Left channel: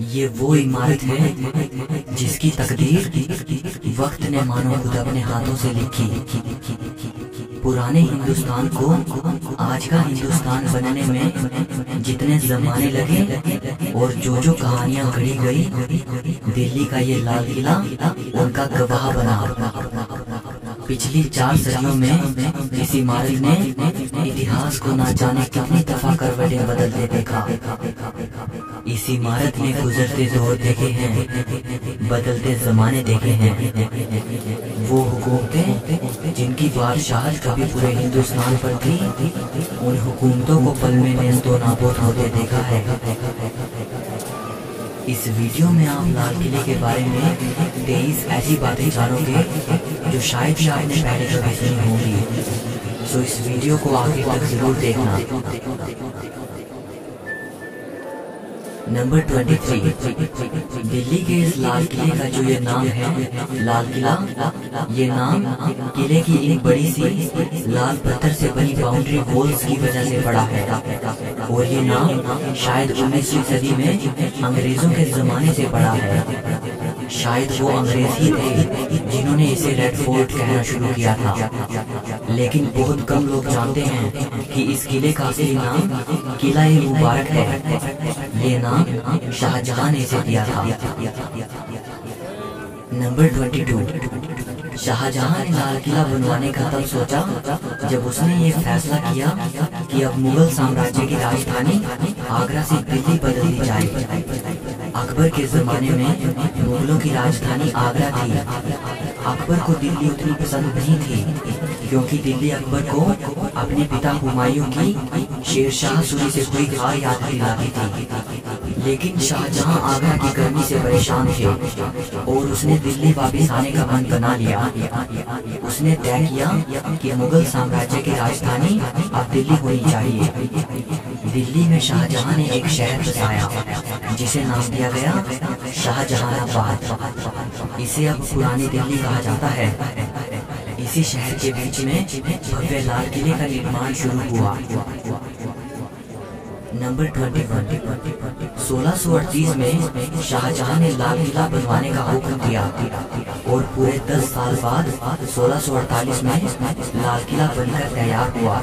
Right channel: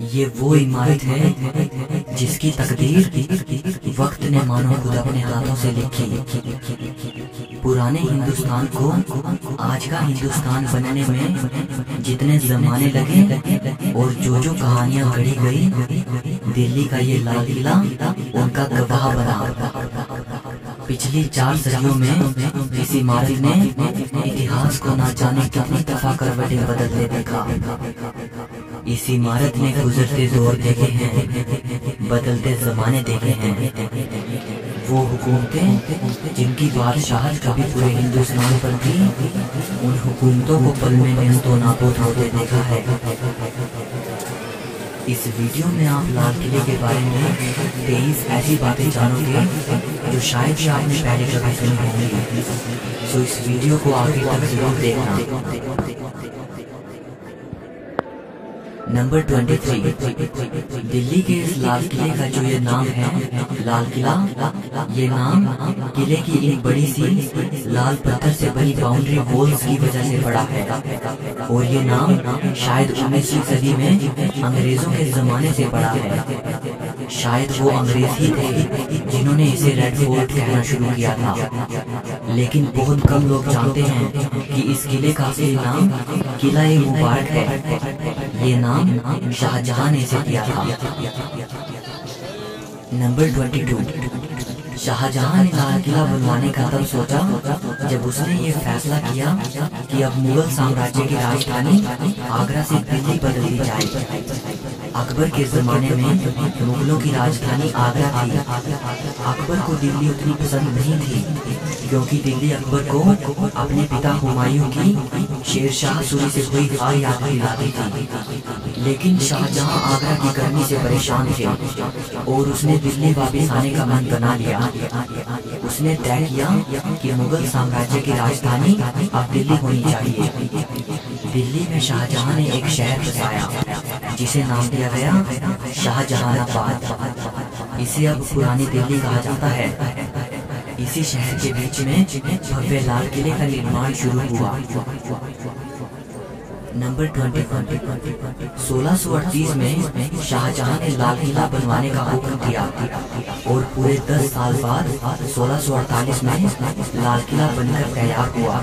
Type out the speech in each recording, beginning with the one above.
ये वो इमारत है जिसकी तकदीर वक्त ने मानो खुद अपने हाथों से लिखी। पुराने हिंदुस्तान को आज का हिंदुस्तान बनने में जितने जमाने लगे और जो कहानियां गढ़ी गई, दिल्ली का ये लाल किला उनका गवाह बना। पिछली 4 सदियों में इस इमारत ने इतिहास को ना जाने कितनी दफा करवटें बदलते देखा। इस इमारत ने गुजरते दौर देखे हैं, बदलते जमाने देखे हैं। वो हुकूमतें जिनकी बादशाहत कभी पूरे हिंदुस्तान पर थी, उन हुकूमतों को पल में नेस्तो नाबूद होते देखा है। इस वीडियो में आप लाल किले के बारे में 23 ऐसी बातें जानोगे जो शायद ही आपने पहले कभी सुनी होंगी। सो इस वीडियो को आखिर तक जरूर देखना। नंबर 23, दिल्ली के इस लाल किले का जो ये नाम है लाल किला, ये नाम किले की एक बड़ी सी लाल पत्थर से बनी बाउंड्री वॉल्स की वजह से पड़ा है। और ये नाम शायद 19वीं सदी में अंग्रेजों के जमाने से पड़ा है। शायद वो अंग्रेज ही थे जिन्होंने इसे रेड फोर्ट कहना शुरू किया था। लेकिन बहुत कम लोग जानते हैं कि इस किले का असली नाम किला ए मुबारक है। ये नाम शाहजहां ने इसे दिया था। नंबर 22, शाहजहां ने लाल किला बनवाने का तब सोचा जब उसने ये फैसला किया कि अब मुगल साम्राज्य की राजधानी आगरा से दिल्ली बदल दी जाए। अकबर के जमाने में मुगलों की राजधानी आगरा थी। अकबर को दिल्ली उतनी पसंद नहीं थी क्योंकि दिल्ली अकबर को अपने पिता हुमायूं की शेरशाह सूरी से हुई हार याद दिलाती थी। लेकिन शाहजहां आगरा की गर्मी से परेशान थे और उसने दिल्ली वापस आने का मन बना लिया। उसने तय किया कि मुगल साम्राज्य की राजधानी अब दिल्ली होनी चाहिए। दिल्ली में शाहजहां ने एक शहर बसाया जिसे नाम दिया गया शाहजहानाबाद। इसे अब पुरानी दिल्ली कहा जाता है। इसी शहर के बीच में भव्य लाल किले का निर्माण शुरू हुआ। नंबर 21, 1638 में शाहजहां ने लाल किला बनवाने का हुक्म दिया और पूरे 10 साल बाद 1648 में लाल किला बनकर तैयार हुआ।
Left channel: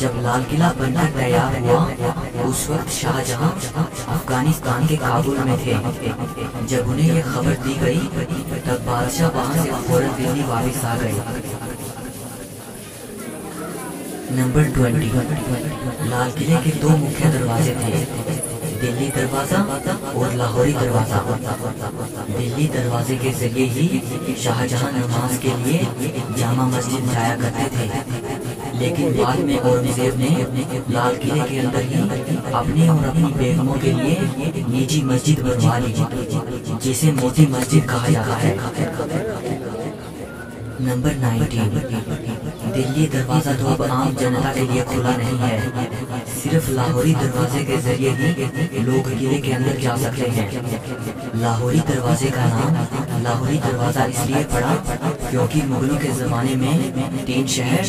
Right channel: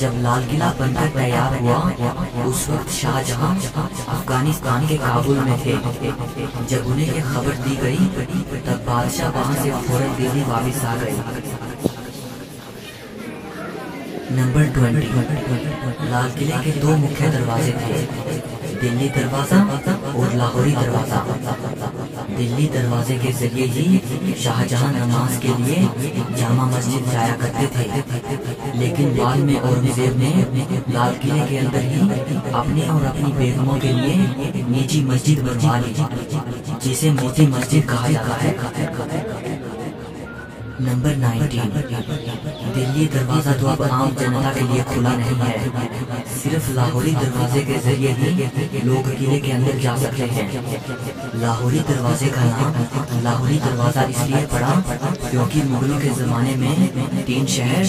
जब लाल किला बनकर तैयार हुआ उस वक्त शाहजहां अफगानिस्तान के काबुल में थे। जब उन्हें ये खबर दी गई तब बादशाह वहां से फौरन दिल्ली वापस आ गए। नंबर 20, लाल किले के 2 मुख्य दरवाजे थे, दिल्ली दरवाजा और लाहौरी दरवाजा। दिल्ली दरवाजे के जरिए ही शाहजहां नमाज के लिए जामा मस्जिद जाया करते थे। लेकिन बाद में औरंगजेब ने लाल किले के अंदर ही अपने और अपनी बेगमों के लिए निजी मस्जिद बनवा ली जिसे मोती मस्जिद कहा जाता है। नंबर 19, दिल्ली दरवाजा तो अब आम जनता के लिए खुला नहीं है। सिर्फ लाहौरी दरवाजे के जरिए ही लोग किले के अंदर जा सकते हैं। लाहौरी दरवाजे का नाम लाहौरी दरवाजा इसलिए पड़ा क्योंकि मुगलों के जमाने में 3 शहर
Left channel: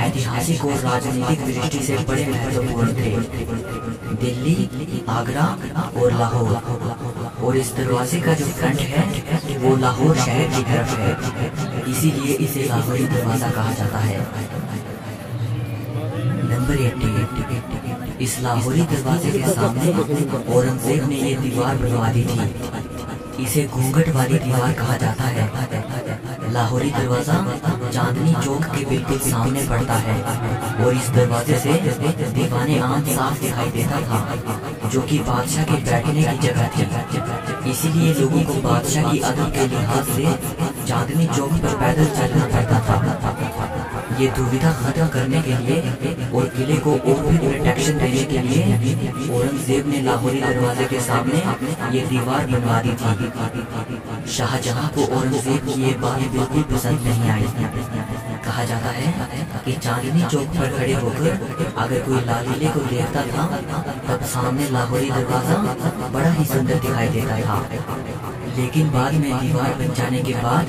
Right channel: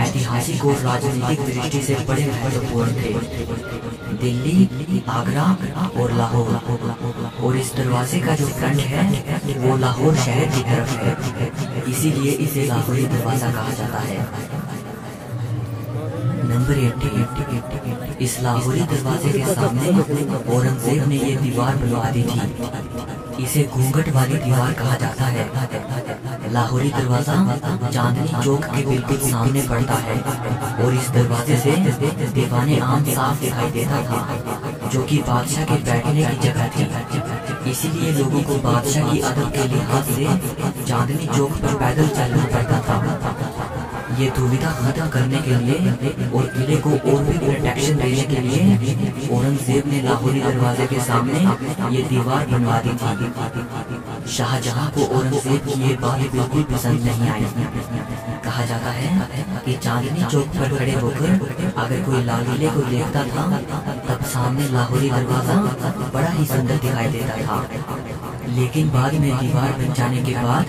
ऐतिहासिक और राजनीतिक दृष्टि से बड़े महत्वपूर्ण थे, दिल्ली, आगरा और लाहौर। और इस दरवाजे का जो फ्रंट है वो लाहौर शहर की तरफ है, इसीलिए इसे लाहौरी दरवाजा कहा जाता है। नंबर 80, इस लाहौरी दरवाजे के सामने औरंगजेब ने ये दीवार बनवा दी थी। इसे घूंघट वाली दीवार कहा जाता है। लाहौरी दरवाजा चांदनी चौक के बिल्कुल सामने पड़ता है और इस दरवाजे से दीवाने आम साफ दिखाई देता था जो कि बादशाह के बैठने की जगह थी। इसीलिए लोगों को बादशाह की अदब के लिहाज से चांदनी चौक पर पैदल चलना पड़ता था। ये दुविधा खत्म करने के लिए और किले को और भी प्रोटेक्शन देने के लिए औरंगजेब ने लाहौरी दरवाजे के सामने ये दीवार बनवा दी थी। शाहजहां को औरंगजेब की ये बात बिल्कुल पसंद नहीं आई। कहा जाता है कि चांदनी चौक पर खड़े होकर अगर कोई लाल किले को देखता था तब सामने लाहौरी दरवाजा बड़ा ही सुंदर दिखाई देता था। लेकिन बाद में दीवार बन जाने के बाद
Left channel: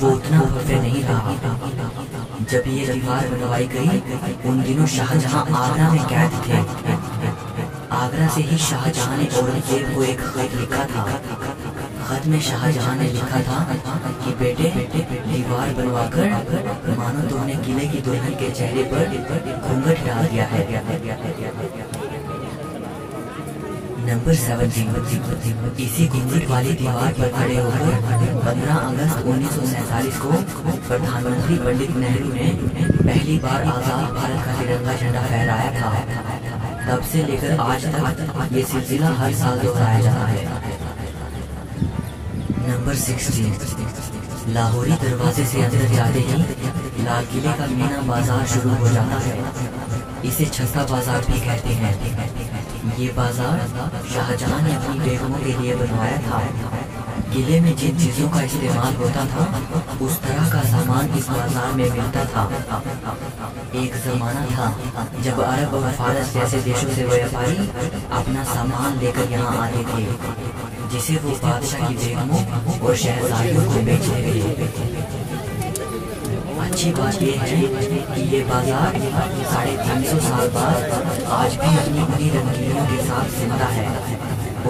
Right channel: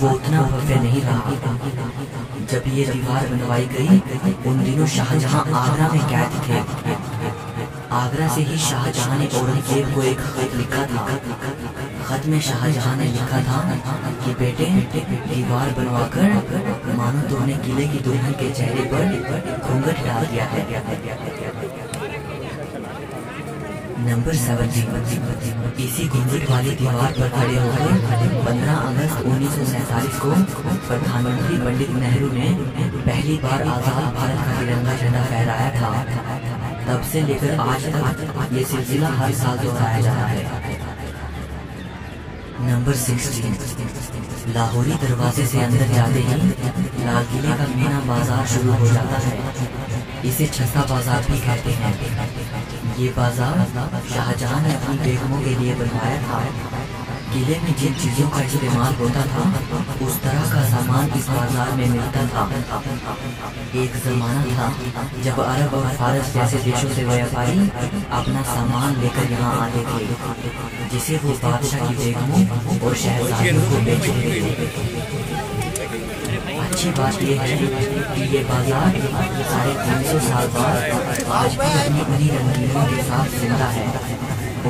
वो उतना भव्य नहीं रहा। जब ये दीवार बनवाई गई उन दिनों शाहजहां आगरा में कैद थे। आगरा से ही शाहजहां ने औरंगजेब को एक खत लिखा था। खत में शाहजहां ने लिखा था कि बेटे, दीवार बनवाकर मानो तुमने किले की दुल्हन के चेहरे पर घूंघट डाल दिया है। नंबर 17। इसी घूंघट वाली दीवार पर खड़े होकर 15 अगस्त 1947 को प्रधानमंत्री पंडित नेहरू ने पहली बार आजाद भारत का तिरंगा झंडा फहराया था। तब से लेकर आज तक ये सिलसिला हर साल दोहराया जाता है। नंबर 16। लाहौरी दरवाजे से अंदर जाते ही लाल किले का मीना बाजार शुरू हो जाता है। इसे छत्ता बाजार भी कहते हैं। ये बाजार शाहजहां ने अपनी बेगमों के लिए बनवाया था। किले में जिन चीजों का इस्तेमाल होता था उस तरह का सामान इस बाजार में मिलता था। एक जमाना था जब अरब और फारस जैसे देशों से व्यापारी अपना सामान लेकर यहाँ आते थे, जिसे वो बादशाह की बेगमों और शहजादियों को बेचते थे। अच्छी बात यह है कि ये बाजार 350 साल बाद आज भी अपनी उन्हीं रंगीनों के साथ जिंदा है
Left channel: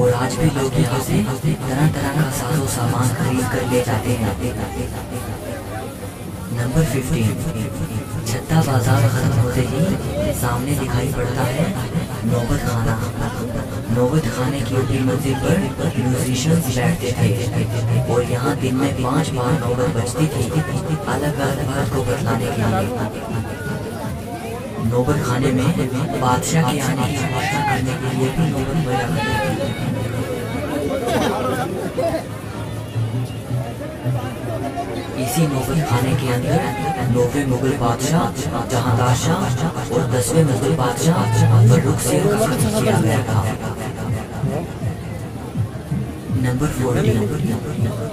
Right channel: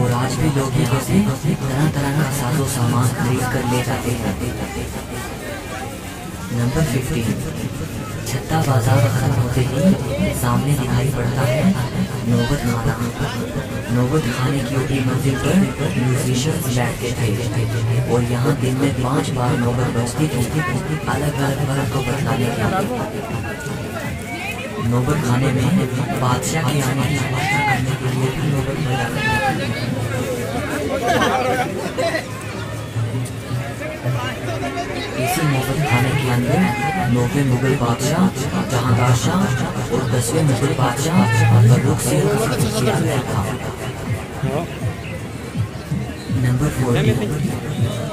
और आज भी लोग यहाँ से तरह तरह का साजो सामान खरीद कर ले जाते हैं। नंबर 15। छत्ता बाजार खत्म होते ही सामने दिखाई पड़ता है नौबत खाना। नौबत खाने की ऊपरी मंजिल पर म्यूजिशियंस बैठते थे और यहाँ दिन में 5 बार नौबत बजती थी, अलग अलग वक्त को बतलाने के लिए। नौबत खाने में बादशाह के आने की घोषणा करने के लिए भी नौबत बजा करती थी। इसी नौबत खाने के अंदर 9वें मुगल बादशाह जहांदार शाह और 10वें मुगल बादशाह फर्रुख सिंह का कत्ल किया गया था। नंबर 14।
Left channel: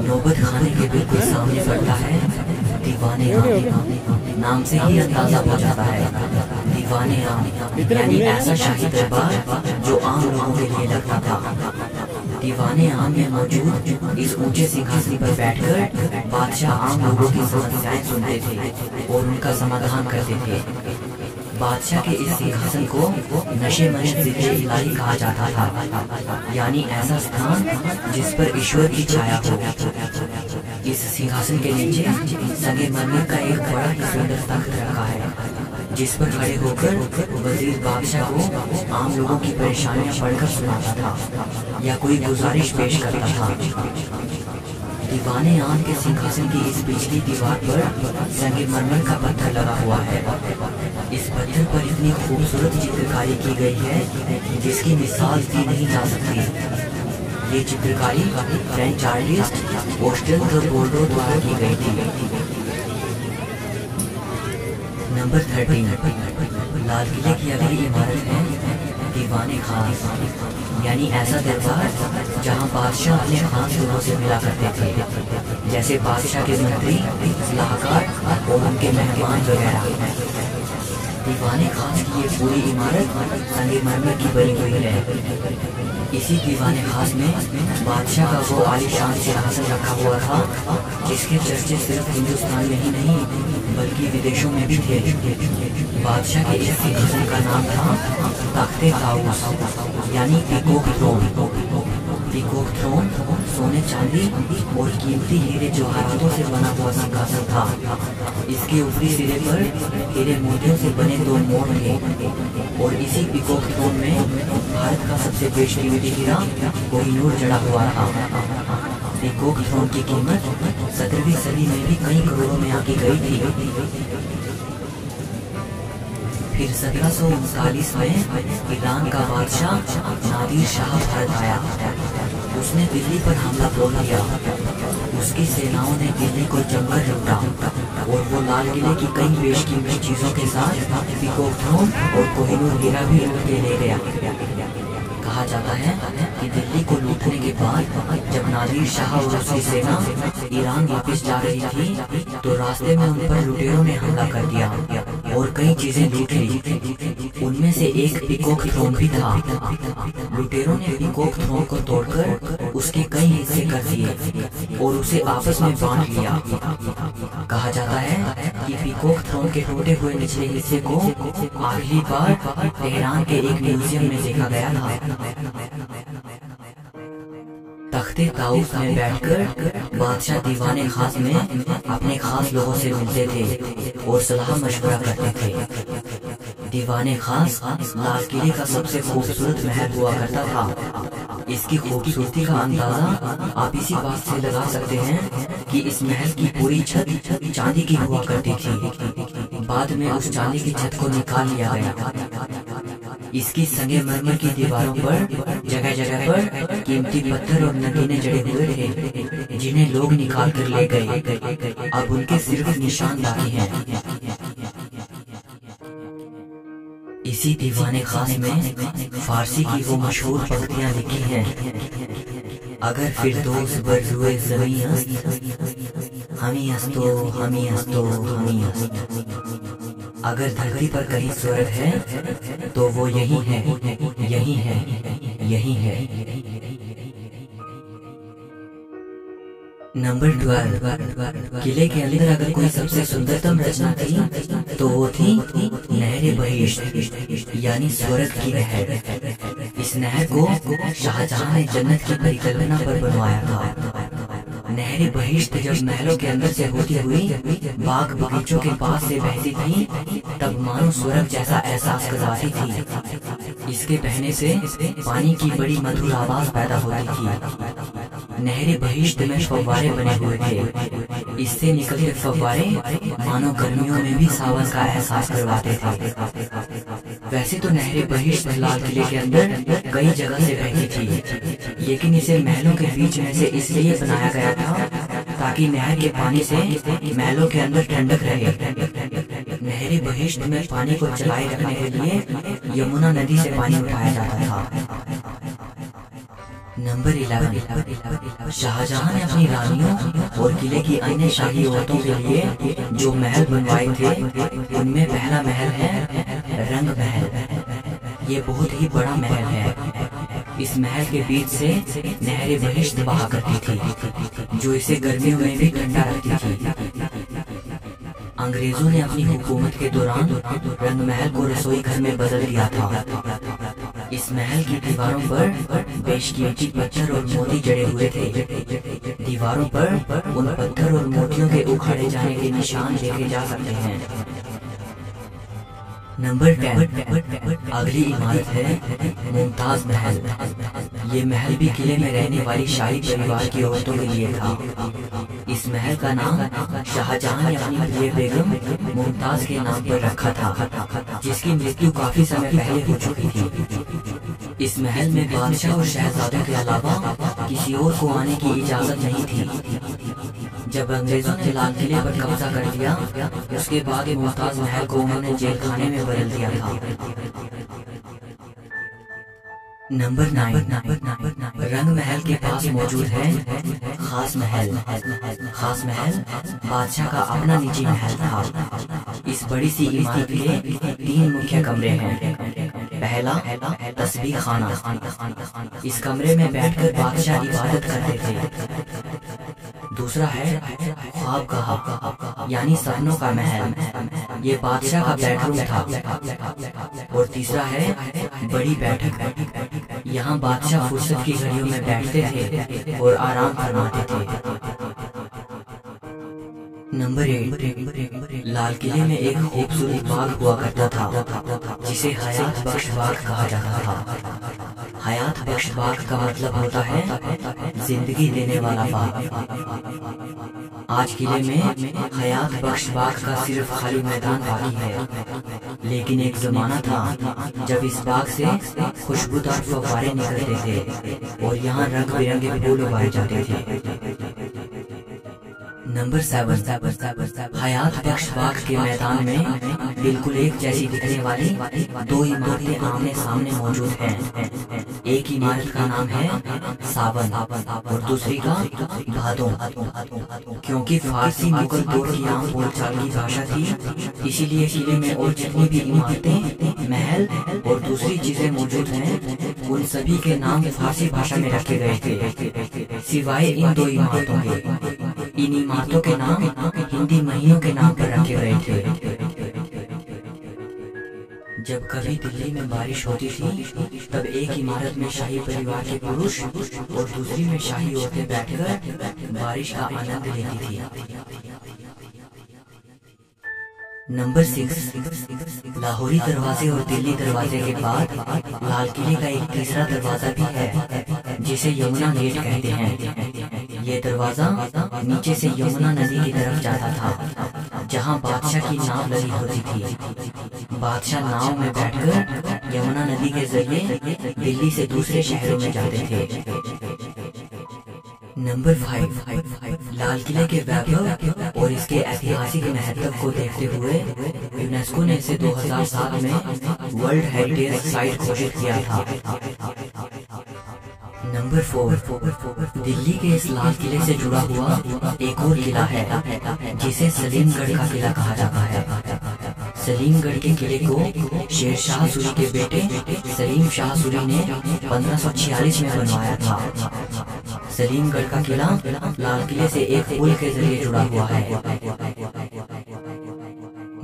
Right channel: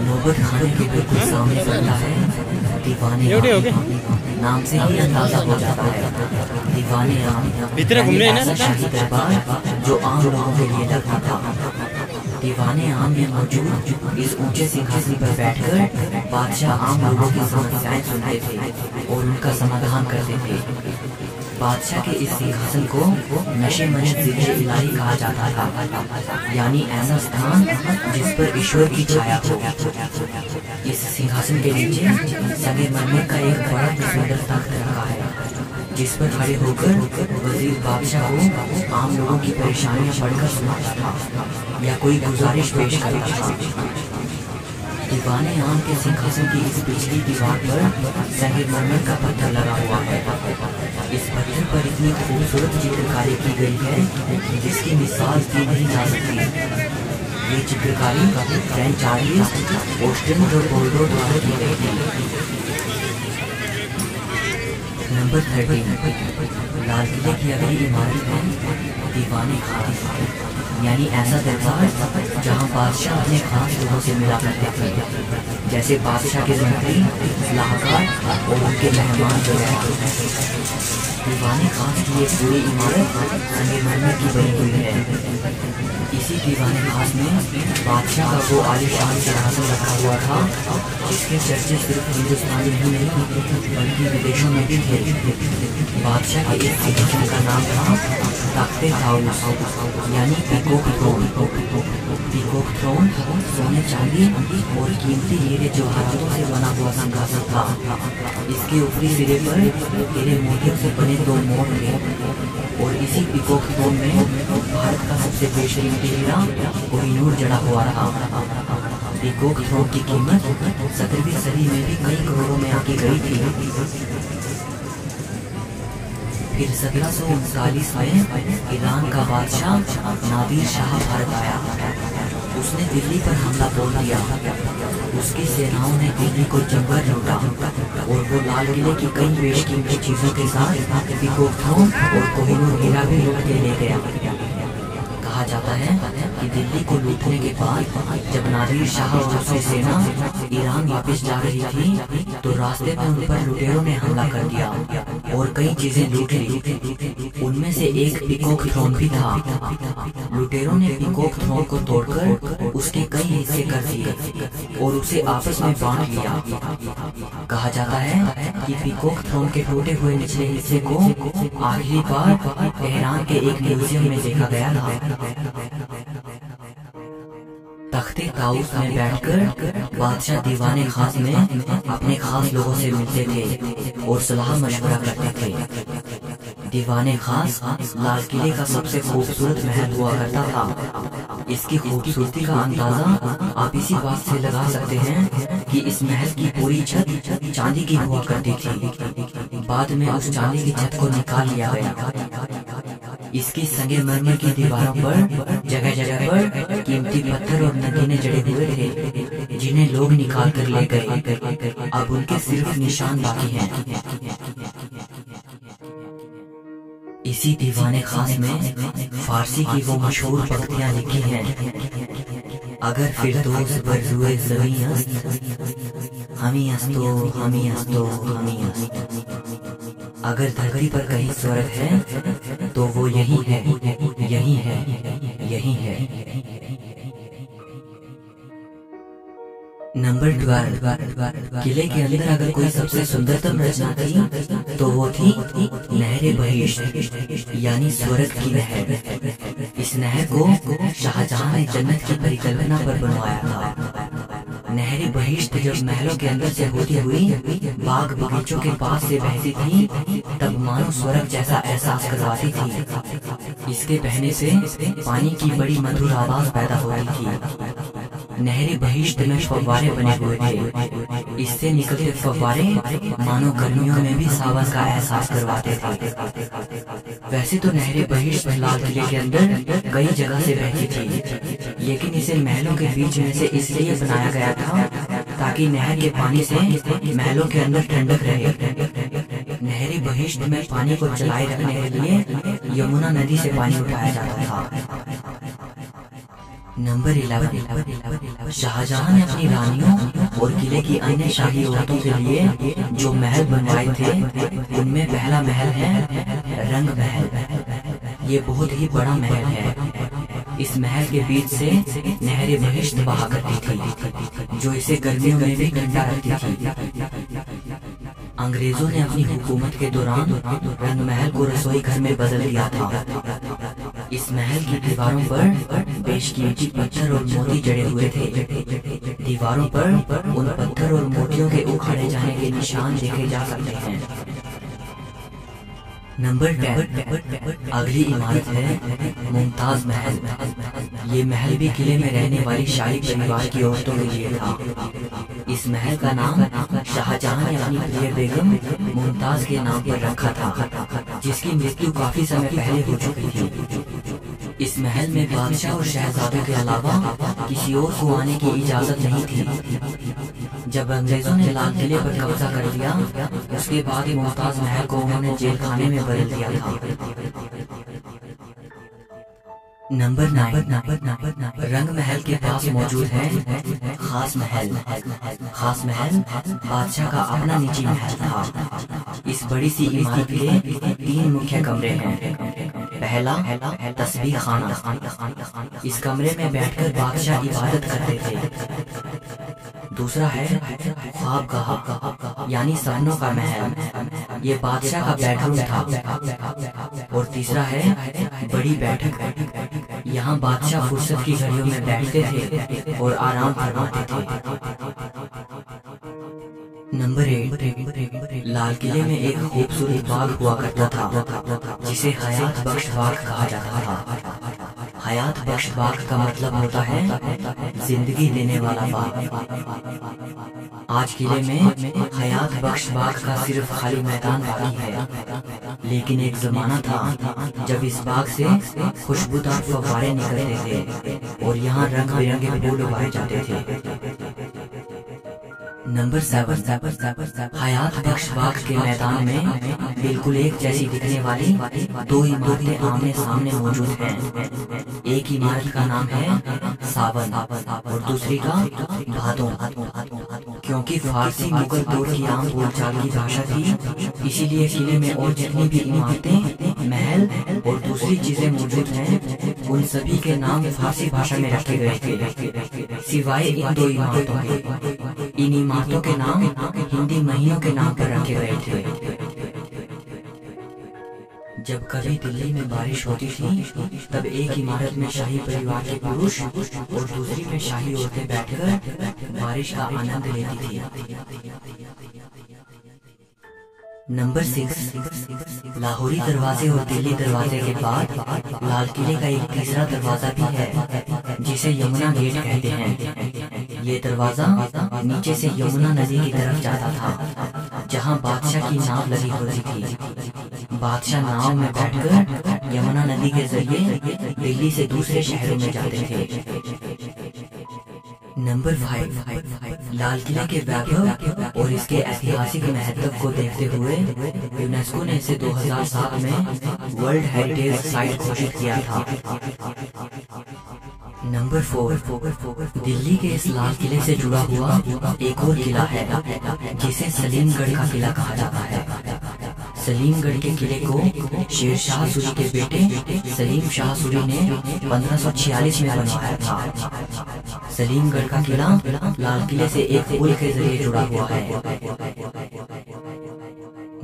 नौबत खाने के बिल्कुल सामने पड़ता है दीवाने आम। नाम से ही अंदाजा हो जाता है दीवाने आम यानी ऐसा शाही दरबार जो आम लोगों के लिए लगता था। दीवाने आम में मौजूद इस ऊंचे सिंहासन पर बैठकर बादशाह आम लोगों की समस्याएं सुनते थे और उनका समाधान करते थे। बादशाह के इस सिंहासन को नशे मने जिक्र इलाही कहा जाता था, यानी ऐसा स्थान जिस पर ईश्वर की छाया हो। इस सिंहासन के नीचे संगमरमर का एक बड़ा ही सुंदर तख्त रखा है, जिस पर खड़े होकर वजीर बादशाह को आम लोगों की परेशानियां पढ़कर सुनाता था या कोई गुजारिश पेश करता था। दीवाने आम के सिंहासन की इस पिछली दीवार पर संगमरमर का पत्थर लगा हुआ है। इस पत्थर पर इतनी खूबसूरत चित्रकारी की गई है जिसकी मिसाल दी नहीं जा सकती। ये चित्रकारी फ्रेंच आर्टिस्ट ऑस्टिन द बोर्डो द्वारा की गई थी। नंबर 13। लाल किले की अगली इमारत है दीवाने खास, यानी ऐसा दरबार जहां बादशाह अपने खास लोगों से मिला करते थे, जैसे बादशाह के मंत्री, सलाहकार और उनके मेहमान वगैरह। दीवाने खास की ये पूरी इमारत संगमरमर की बनी हुई है। इसी दीवाने खास में बादशाह का वो आलीशान सिंहासन रखा हुआ था जिसके चर्चे सिर्फ हिंदुस्तान में ही नहीं बल्कि विदेशों में भी थे। बादशाह के इस सिंहासन का नाम था तख्ते ताऊस, यानी पीकॉक थ्रोन। पीकॉक थ्रोन सोने चांदी और कीमती हीरे जवाहरातों से बना हुआ सिंहासन था। इसके ऊपरी सिरे पर हीरे मोतियों से बने 2 मोर थे और इसी पीकॉक थ्रोन में भारत का सबसे बेशकीमती हीरा कोहिनूर जड़ा हुआ था। पीकॉक थ्रोन की कीमत 17वीं सदी में भी कई करोड़ों में आकी गई थी। फिर 1739 में ईरान का बादशाह नादिर शाह भारत आया। उसने दिल्ली पर हमला बोल दिया। उसकी सेनाओं ने दिल्ली को जमकर लूटा और वो लाल किले की कई बेशकीमती चीजों के साथ पीकॉक थ्रोन और कोहिनूर हीरा भी लूट के ले गया। कहा जाता है कि दिल्ली को लूटने के बाद जब नादिर शाह और उसकी सेना ईरान वापस जा रही थी तो रास्ते में उन पर लुटेरों ने हमला कर दिया और कई चीजें लूट ली। उनमें से एक पीकॉक थ्रोन भी था। लुटेरों ने पीकॉक थ्रोन को तोड़कर उसके कई हिस्से कर दिए और उसे आपस में बांट लिया। कहा जाता है कि पीकॉक थ्रोन के टूटे हुए निचले हिस्से को आखिरी बार तेहरान के एक म्यूजियम में देखा गया था। तख्ते ताउस में बैठकर बादशाह दीवाने खास में अपने खास लोगों से मिलते थे और सलाह मशवरा करते थे। दीवाने खास लाल किले का सबसे खूबसूरत महल हुआ करता था। इसकी खूबसूरती का अंदाजा आप इसी बात से लगा सकते हैं कि इस महल की पूरी छत चांदी की हुआ करती थी। बाद में उस चांदी की छत को निकाल लिया गया। इसकी संगमरमर की दीवारों पर जगह जगह पर कीमती पत्थर और नगीने जड़े हुए थे जिन्हें लोग निकाल कर ले गए। अब उनके सिर्फ निशान बाकी हैं। इसी दीवाने खास में फारसी की वो मशहूर पंक्तियां लिखी हैं। अगर फिरदौस बर रुए ज़मीं अस्त हमी अस्तो हमी अस्तो हमी अस्त। अगर धरती पर कहीं स्वर्ग है तो वो यही है, यही है, यही है। नंबर 12। किले के अंदर अगर कोई सबसे सुंदरतम रचना थी तो वो थी नहर बहिश्त यानी स्वर्ग की नहर। इस नहर को शाहजहां ने जन्नत की परिकल्पना पर बनवाया था। नहर बहिश्त जब महलों के अंदर से होती हुई बाग बगीचों के पास से बहती थी तब मानो स्वर्ग जैसा एहसास करवाती थी। इसके बहने से पानी की बड़ी मधुर आवाज पैदा होती थी। नहर बहिश्त में फव्वारे बने हुए थे। इससे निकलते फव्वारे मानो गर्मियों में भी सावन का एहसास करवाते थे। वैसे तो नहर बहिश्त लाल किले के अंदर कई जगह से बहती थी, लेकिन इसे महलों के बीच में से इसलिए बनाया गया था ताकि नहर के पानी से महलों के अंदर ठंडक रहे। नहर बहिश्त में पानी को चलाए रखने के लिए यमुना नदी से पानी उठाया जाता था। नंबर 11। शाहजहां ने अपनी रानियों और किले की अन्य शाही औरतों के लिए जो महल बनवाए थे उनमें पहला महल है रंग महल। ये बहुत ही बड़ा महल है। इस महल के बीच से नहर बहिश्त बहा करती थी जो इसे गर्मियों में भी ठंडा रखती थी। अंग्रेजों ने अपनी हुकूमत के दौरान रंग महल को रसोई घर में बदल दिया था। इस महल की दीवारों पर बेशकीमती पत्थर और मोती जड़े हुए थे। दीवारों पर उन पत्थर और मोतियों के उखाड़े जाने के निशान देखे जा सकते हैं। नंबर 10। अगली इमारत है मुमताज महल। ये महल भी किले में रहने वाली शाही परिवार की औरतों के लिए था। इस महल का नाम शाहजहां ने अपनी प्रिय बेगम मुमताज के नाम पर रखा था, जिसकी मृत्यु काफी समय पहले हो चुकी थी। इस महल में बादशाह और शहजादों के अलावा किसी और को आने की इजाजत नहीं थी। जब अंग्रेजों ने लाल किले पर कब्जा कर लिया उसके बाद मुमताज महल को उन्होंने जेल खाने में बदल दिया था। नंबर 9। रंग महल के पास मौजूद है खास महल। खास महल बादशाह का अपना निजी महल था। इस बड़ी सी इमारत के 3 मुख्य कमरे हैं। पहला तस्बीह खाना। इस कमरे में बैठकर बादशाह इबादत करते थे। दूसरा है ख्वाबगाह यानी सपनों का महल। ये बादशाह का बेडरूम था। और तीसरा है बड़ी बैठक। यहाँ बादशाह फुर्सत की घड़ियों में बैठते थे और आराम फरमाते थे। नंबर 8। लाल किले में एक खूबसूरत बाग हुआ करता था जिसे हयात बख्श बाग कहा जाता था। हयात बख्श बाग का मतलब होता है जिंदगी देने वाला बाग। आज किले में हयात बख्श बाग का सिर्फ खाली मैदान बाकी है, लेकिन एक जमाना था जब इस बाग से खुशबूदार फव्वारे निकलते थे और यहाँ रंग बिरंगे फूल उगाए जाते थे। नंबर 7। हयात बख्श बाग के मैदान में बिल्कुल एक जैसी दिखने वाली दो इमारतें आमने सामने मौजूद हैं। एक इमारत का नाम है सावन और दूसरी का भादों। क्योंकि फारसी मुगल दौर की आम बोलचाल की भाषा थी, इसीलिए किले में और जितनी भी इमारतें, महल और दूसरी चीजें मौजूद हैं, उन सभी के नाम फारसी भाषा में रखे गए थे, सिवाय इन दो इमारतों के। इन इमारतों के नाम हिंदी महीनों के नाम पर रखे गए थे। जब कभी दिल्ली में बारिश होती थी, तब एक इमारत में शाही परिवार के पुरुष और दूसरी में शाही औरतें बैठकर बारिश का आनंद लेती थी। नंबर 6, लाहौरी दरवाजे और दिल्ली दरवाजे के बाद लाल किले का एक तीसरा दरवाजा भी है, जिसे यमुना गेट कहते हैं। ये दरवाजा नीचे से यमुना नदी की तरफ जाता था, जहां बादशाह की नाव लगी होती थी। बादशाह नाव में बैठकर यमुना नदी के जरिए दिल्ली से दूसरे शहरों में जाते थे। नंबर 5, लाल किले के वैभव और इसके ऐतिहासिक महत्व को देखते हुए यूनेस्को ने इसे 2007 में वर्ल्ड हेरिटेज साइट घोषित किया था। नंबर 4, दिल्ली के इस लाल किले से जुड़ा हुआ एक और किला है, जिसे सलीमगढ़ का किला कहा जाता है। सलीमगढ़ के किले को शेरशाह सूरी के बेटे सलीम शाह सूरी ने 1546 में बनवाया था। सलीमगढ़ का किला लाल किले से एक पुल के जरिए जुड़ा हुआ है।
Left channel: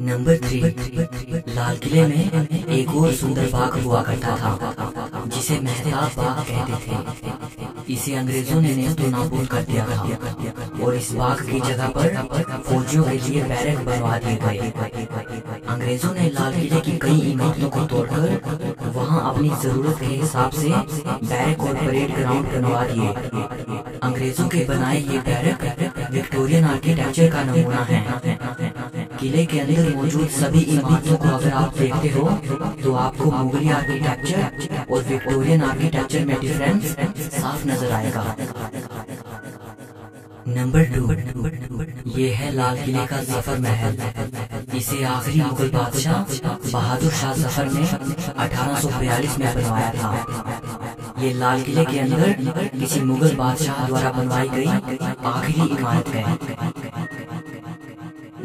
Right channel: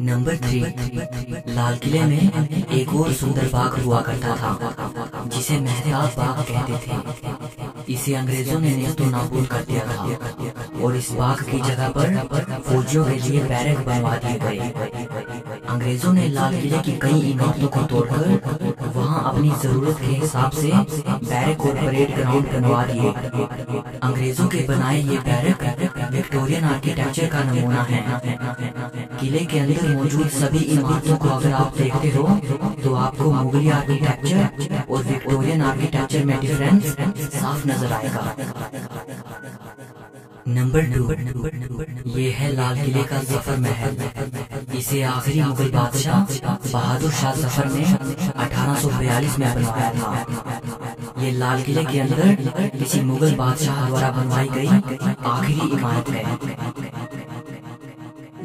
नंबर 3, लाल किले में एक और सुंदर बाग हुआ करता था, जिसे मेहताब बाग कहते थे। इसे अंग्रेजों ने नेस्तो नाबूद कर दिया था और इस बाग की जगह पर फौजियों के लिए बैरक बनवा दिए गए। अंग्रेजों ने लाल किले की कई इमारतों को तोड़कर वहां अपनी जरूरत के हिसाब से बैरक और परेड ग्राउंड बनवा दिए। अंग्रेजों के बनाए ये बैरक विक्टोरियन आर्किटेक्चर का नमूना है। किले के अंदर मौजूद सभी इमारतों को अगर आप देखते हो तो आपको मुगली आर्किटेक्चर और विक्टोरियन आर्किटेक्चर में डिफरेंस साफ नजर आएगा। नंबर 2, ये है लाल किले का जफर महल। इसे आखिरी मुगल बादशाह बहादुर शाह जफर ने 1842 में बनवाया था। ये लाल किले के अंदर किसी मुगल बादशाह द्वारा बनवाई गई आखिरी इमारत है।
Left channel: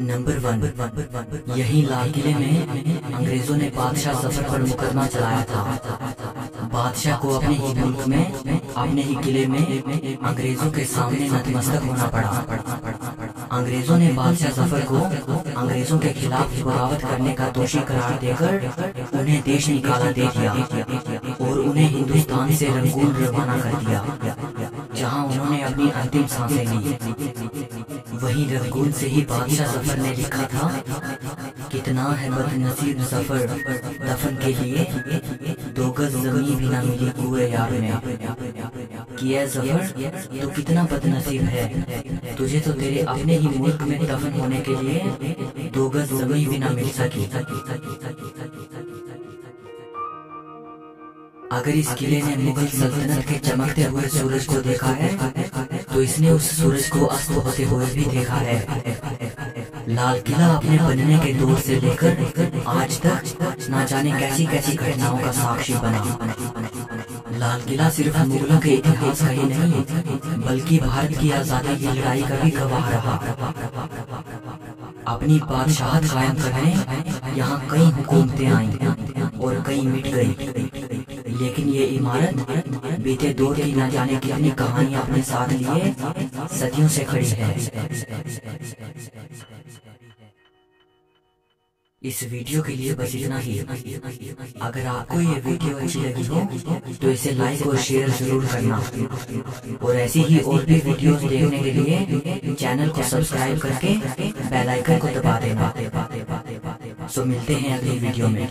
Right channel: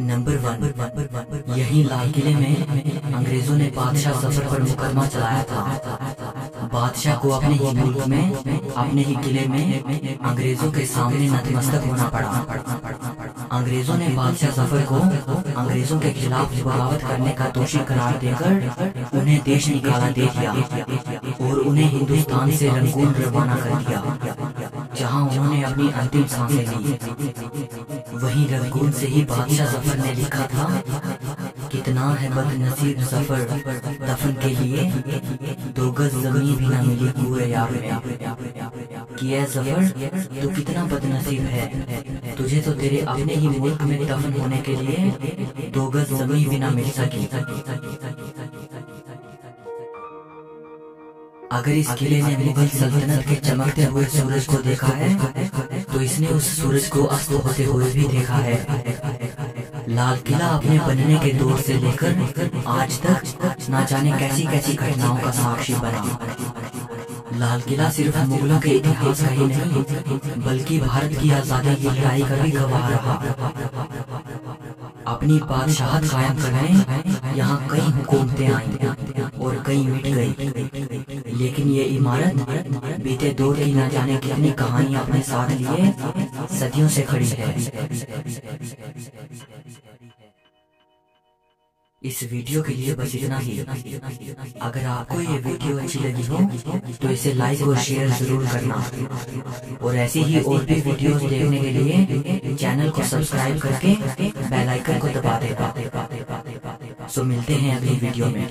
नंबर 1, यही लाल किले में अंग्रेजों ने बादशाह जफर पर मुकदमा चलाया था। बादशाह को अपने ही मुल्क में, अपने ही किले में अंग्रेजों के सामने नतमस्तक होना पड़ा। अंग्रेजों ने बादशाह जफर को अंग्रेजों के खिलाफ बगावत करने का दोषी करार देकर उन्हें देश निकाला दे दिया और उन्हें हिंदुस्तान से रंगून रवाना कर दिया, जहां उन्होंने अपनी अंतिम सांसें ली। वहीं रंगून से ही बादशाह जफर ने लिखा था, कितना है बदनसीब जफर दफन के लिए, 2 गज जमीन भी न मिली कुए यार में। कि ऐ जफर तू कितना बदनसीब है, तुझे तो तेरे अपने ही मुल्क में दफन होने के लिए 2 गज जमीन भी न मिल सकी। अगर इस किले ने मुगल सल्तनत के चमकते हुए सूरज को देखा है तो इसने उस सूरज को अस्त होते हुए भी देखा है। लाल किला अपने बनने के दौर से लेकर आज तक न जाने कैसी कैसी घटनाओं का साक्षी बना। लाल किला सिर्फ मुगलों के इतिहास का ही नहीं बल्कि भारत की आजादी की लड़ाई का भी गवाह रहा। अपनी बादशाहत कायम करने यहाँ कई हुकूमतें आईं और कई मिट गई, लेकिन ये इमारत बीते दौर की न जाने कितनी कहानियां अपने साथ लिए सदियों से खड़ी है। इस वीडियो के लिए बस इतना ही। अगर आपको ये वीडियो अच्छी लगी हो तो इसे लाइक और शेयर जरूर करना और ऐसी ही और भी वीडियोस देखने के लिए चैनल को सब्सक्राइब करके बेल आइकन को दबा देना। सो मिलते हैं अगली वीडियो में।